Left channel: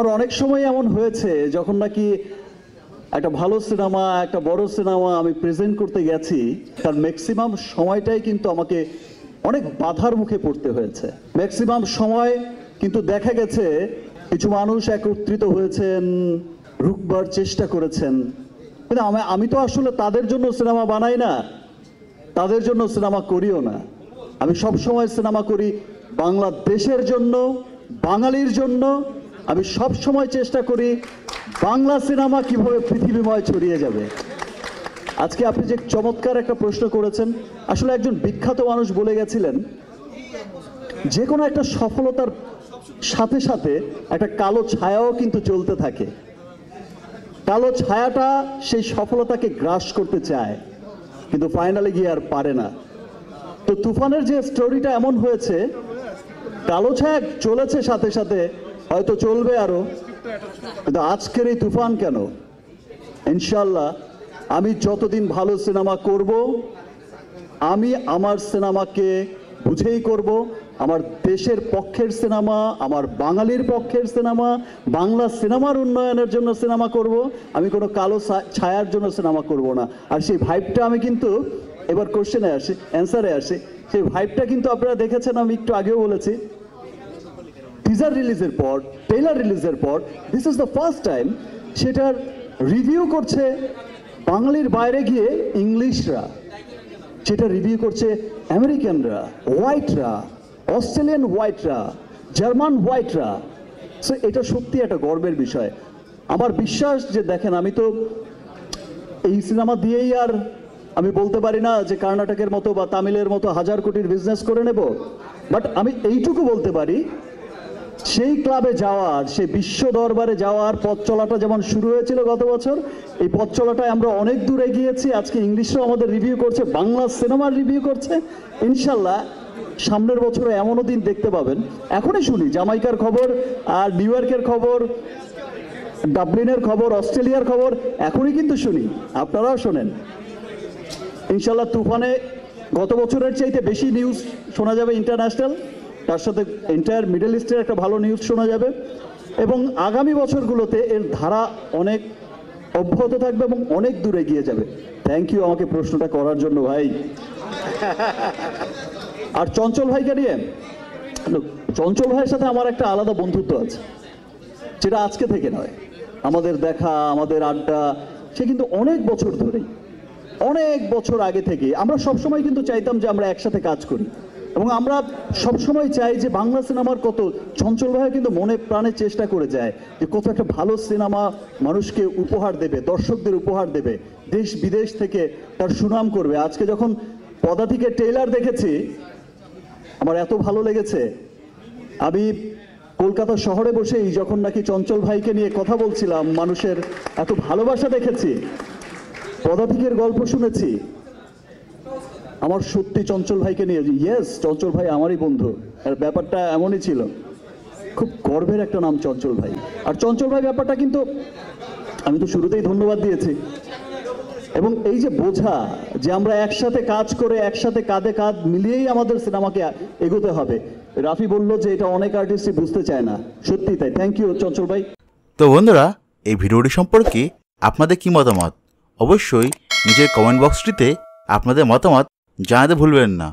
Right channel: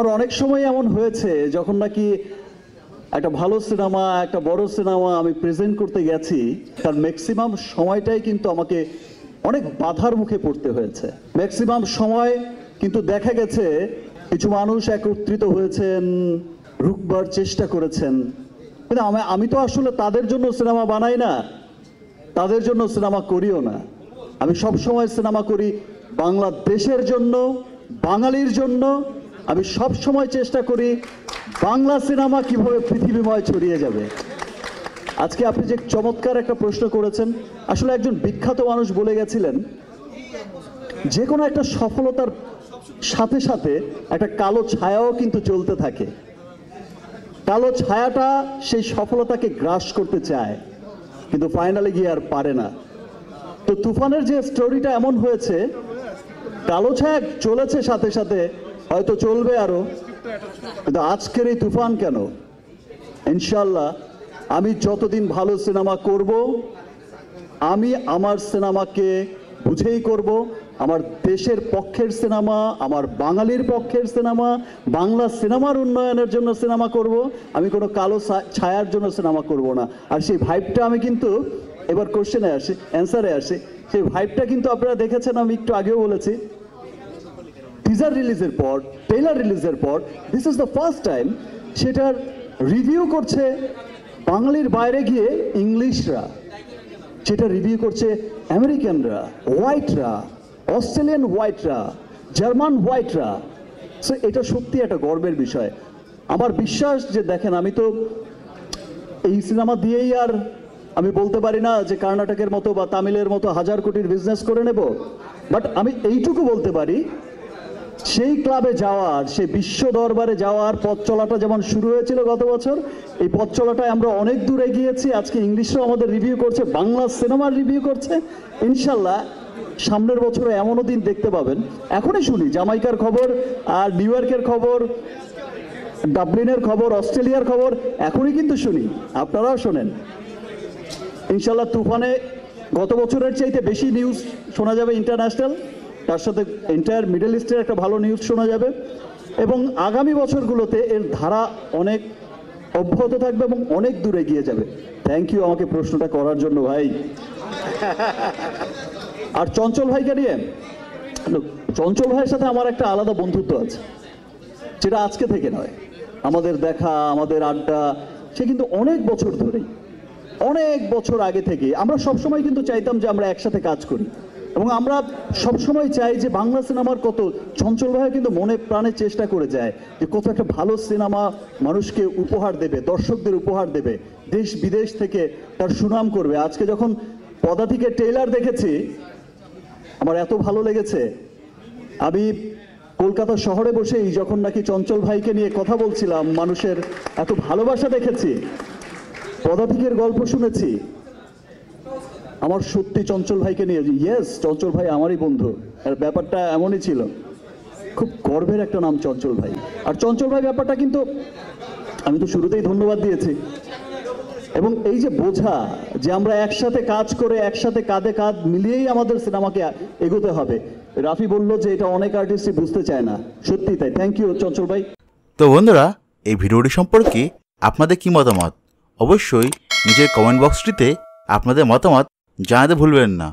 আর অনেক সময় এমন হয়েছে যখন নাকি একটা ভালো সিনেমা, একটা বড় সিনেমা আমি প্রেজেন্ট করতে গেছি, তার ম্যাক্সিমাম সময়টাই কিন্তু আমাকে অনেক বাধার মুখে পড়তে হয়েছে। ম্যাক্সিমাম সময় কিন্তু দেখা গেছে কিছু মানুষ একত্রিত হয়েছেন, রুখবার চেষ্টা করেছেন, কিন্তু আমি তো আসলে তাদের জন্য সিনেমা বানাই না, তাদের জন্য সিনেমা করিও না। আমি সব সময় সিনেমা করি বাংলাদেশের জন্য, বাঙালির জন্য। আমি সব সময় চেষ্টা করি বাংলা সিনেমা কিভাবে পৃথিবীময় ছড়িয়ে যাবে। আজকে আপনি যে চমৎকার একটা প্রশ্ন করেছেন, আসলে একজন বিখ্যাত মানুষ বলে গেছিলেন, যে কোনো একটা সফলতার সাথে সাথে একটা কালো ছায়াও কিন্তু চলতে থাকে। কালো ছায়াটা সেই সফলতাকে গ্রাস করতে চায়, কিন্তু ফাইনালি গিয়ে আর পারে না। তো তুফানের যে স্টোরিটা এমন হয়েছে, কালো ছায়া চলেছে সাথে সাথে, হয়তো চলবে আরো, কিন্তু আজকের এই তুফান কেন, ইনশাল্লাহ আমি যতদিন ভালো সিনেমা করব, আমি আমার সিনেমাকে বুঝেই করব, আমার দেশের পক্ষের সিনেমা, আমার বাঙালির পক্ষের সিনেমা, বাংলা সিনেমার উন্নয়নের জন্য সিনেমা করব। আমি কোনো কালো ছায়ার জন্য সিনেমা করব না। আর সেই ভাইবটা আমি কিন্তু, এবার কোশ্চেনে আসি, অ্যান্সারে আসি, সেই ভাইবটা কিন্তু আপনারা দেখেছেন, আমি একটু আগেও বলেছি, টিজার রিলিজের পর, ট্রেলার রিলিজের পর, this is the first time সেটার রিভিউ করছে বাঙালির বাইরে গিয়ে ইংলিশরা, সেটা রিভিউ করছে আমেরিকানরা, হোয়াইটরা, অস্ট্রেলিয়ান হোয়াইটরা, জার্মান হোয়াইটরা। সো এটা সত্যি একটা গর্বের বিষয়। আমার বিশ্বাস যে দেখেন, আমি তো এই সিনেমা দিয়েই আর আমি বলতে পারি না যে কর্ণাটকের মতো বা তামিলের মতো 1000 কোটির বিজনেস করে নেব, বাট আমি এইটুকু বলতে পারি, সেই ক্লাবে যাওয়ার, সেই বিশ্ব দরবারে যাওয়ার পথ চলাটা যেমন শুরু হয়েছিল গত বছর, এই পথ চলাটায় আমরা অনেক দূরে গিয়েছি। আজকে ইংলিশরাও আমাদের রিভিউ করছে, বাংলা সিনেমার রিভিউ করছে। ইনশাল্লাহ সামনের বছরে এমনও দিন দেখতে পাবেন, এখনই শুনি জামাইকার খবর, আর নিউ ইয়র্কের খবর, ডাবলিনের খবর, অস্ট্রেলিয়ার খবর, এখনই কিন্তু শুনি, আপনারাও শোনেন। ইনশাল্লাহ তুফানে গত বছরের চাইতে বেশি নিউজ শোনা যাবে ইন্টারন্যাশনাল, তার সাথে এন্টায়ার মিডল ইস্টের একটা ভালো নিউজ শোনা যাবে, এবং আগামী বছরগুলোতে এর ধারা অনেক অব্যাহত থাকবে এবং অনেক দূরে এগিয়ে যাবে। থ্যাংক ইউ আমাকে প্রশ্নটা করার জন্য ভাই। আর চঞ্চল ভাইকে নিয়ে, চঞ্চল ভাইয়ের সাথে আমার একটা আলাদা বন্ধুত্ব আছে, যেটা আজকে থেকে নয়। আমাদের দেখা, আমাদের আড্ডা, সে কিন্তু অনেক বছর ধরেই, অনেক বছর আগে থেকে আমরা সবসময় কিন্তু চাইতাম যে আমরা একসাথে কাজ করি, এবং আমরা সবসময় চাই যে বাংলা সিনেমার কত, চঞ্চল ভাই কিন্তু মনে প্রাণে চেষ্টা করে যায় যে কত একটা ভালো সিনেমা মানুষকে উপহার দেবে, দর্শকদের উপহার দেবে, দেশ বিদেশ থেকে তার সুনাম করবে। আজকে যখন পদাতিকের ট্রেলার দেখেছি, আমার এত ভালো লেগেছে। আমি কলকাতা শহরে বসেই যখন নাকি চঞ্চল ভাইকে নিয়ে কথা বলছিলাম, মানুষের এত ভালোবাসা দেখেছি, পদাতিকের গল্প শুনেছি, আমার সত্যি চঞ্চল ভাইকে নিয়ে, ইয়েস চঞ্চল ভাই আমারই বন্ধু, আর ব্যাপারটা এমনই ছিল। খুব গর্বের একটা নাম চঞ্চল ভাই। আর চঞ্চল ভাই ব্যাপারটা কিন্তু আমি তো শুরুতেই ধন্যবাদ দিয়েছি, এবং এই যে বোঝা যে আমরা একসাথে কাজ করে, একসাথে কাঁধে কাঁধ মিলিয়েই আমাদের সিনেমাকে এগোতে হবে। রাফি বলল যে এটা অনেক আর্টিস্টই বুঝতে চায় না, সত্যি তাই। থ্যাংক ইউ চঞ্চল ভাই। তো বন্ধুরা, এই ভিডিওটি সম্পর্কে আপনাদের কি মতামত, অবশ্যই নিজের কমেন্ট বক্সটিতে আপনাদের মতামত জানাতে ভুলবেন না।